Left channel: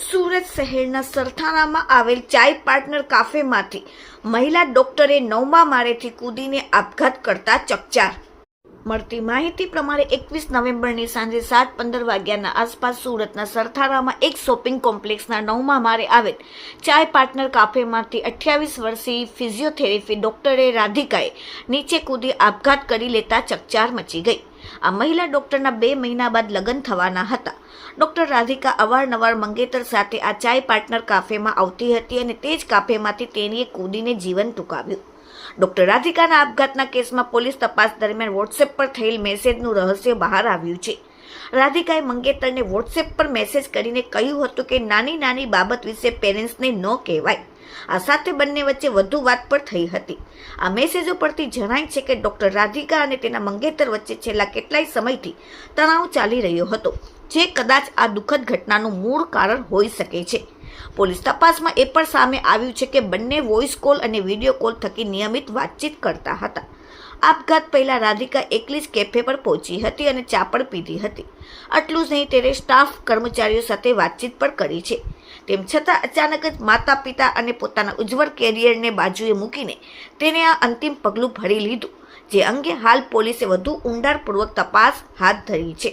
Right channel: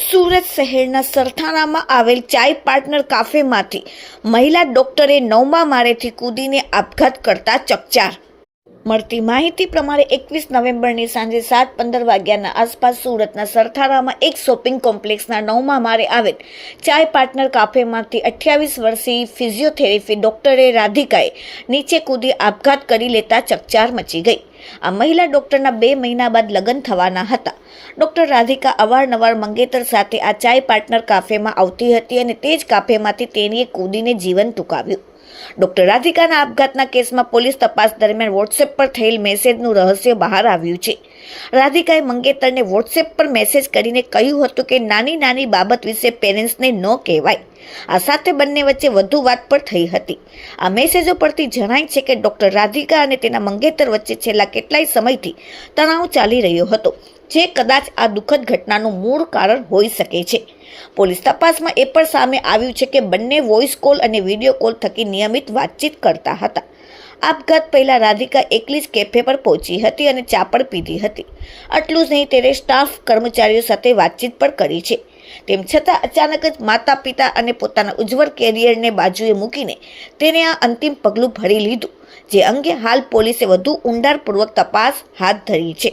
સુરત શહેરના સરથાણામાં આવેલ ચાય પાર્ટનર કાફેમાંથી મહિલા ડોક્ટરે 9મા માળેથી કૂદીને આપઘાત કરતા ચકચાર. મળતી માહિતી પ્રમાણે 21 નવેમ્બરની સાંજે 7:15 વાગ્યાના આસપાસ સુરતના સરથાણામાં એક શોપિંગ કોમ્પ્લેક્સના 9મા માળે આવેલ ચાય પાર્ટનર કાફેમાંથી 28 વર્ષીય ફિઝિયોથેરાપી ડોક્ટરે રાધિકાએ નીચે કૂદી આપઘાત કરી લેતા ચકચાર મચી ગઈ. આ મહિલા ડોક્ટરના 2 મહિના બાદ લગ્ન થવાના હતા. ડોક્ટર રાધિકા અવારનવાર મંગેતર સાથે આ ચાય પાર્ટનર કાફેમાં આવતી હતી અને તે જ કાફેમાંથી તેણીએ કૂદીને જીવન ટૂંકાવ્યું. ડોક્ટર રાધિકાના આપઘાતના કેસમાં પોલીસ તપાસ દરમિયાન વોટ્સએપ પર થયેલ મેસેજનું રહસ્ય બહાર આવ્યું છે. રાધિકાએ મંગેતરને વોટ્સએપ પર મેસેજ કરીને કહ્યું હતું કે નાની નાની બાબત વિશે પેરેન્ટ્સને ન કહેવાય. આ સાથે બંને વચ્ચે વધુ વાત પણ થઈ હતી. આ મેસેજો પરથી જણાય છે કે ડોક્ટર રાધિકા અને તેના મંગેતર વચ્ચે છેલ્લા કેટલાય સમયથી તણાવ ચાલી રહ્યો હતો, જે કદાચ આ દુઃખદ ઘટનાનું મૂળ કારણ હોઈ શકે છે. પોલીસ તપાસમાં એ પણ સામે આવ્યું છે કે બંને વોઇસ કોલ અને વિડીયો કોલ થકી નિયમિત વાતચીત કરતા હતા. આપઘાત પહેલા રાધિકા એકલી જ કેફે પર પહોંચી હતી અને ચા પણ પીધી હતી. આટલું જ નહીં, તેણે સ્ટાફ કર્મચારીઓ સાથે વાતચીત પણ કરી છે. તેમ છતાં અચાનક જ માતા પિતા અને પોતાના ઉજ્જવળ કેરિયરને બાજુએ મૂકીને તેણે આ અંતિમ પગલું ભરી લીધું, જે અંગે હાલ પોલીસે વધુ ઊંડાણપૂર્વક તપાસ હાથ ધરી છે.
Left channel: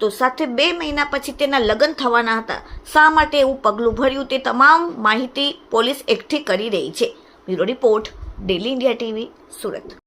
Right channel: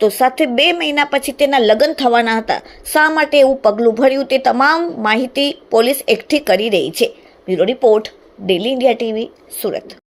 તો સાથે 2 મહિના પછી તેના લગ્ન થવાના હતા. શા માટે એવું પગલું ભર્યું તે તમામ માહિતી પોલીસ એકઠી કરી રહી છે. Bureau report, daily India TV, Surat.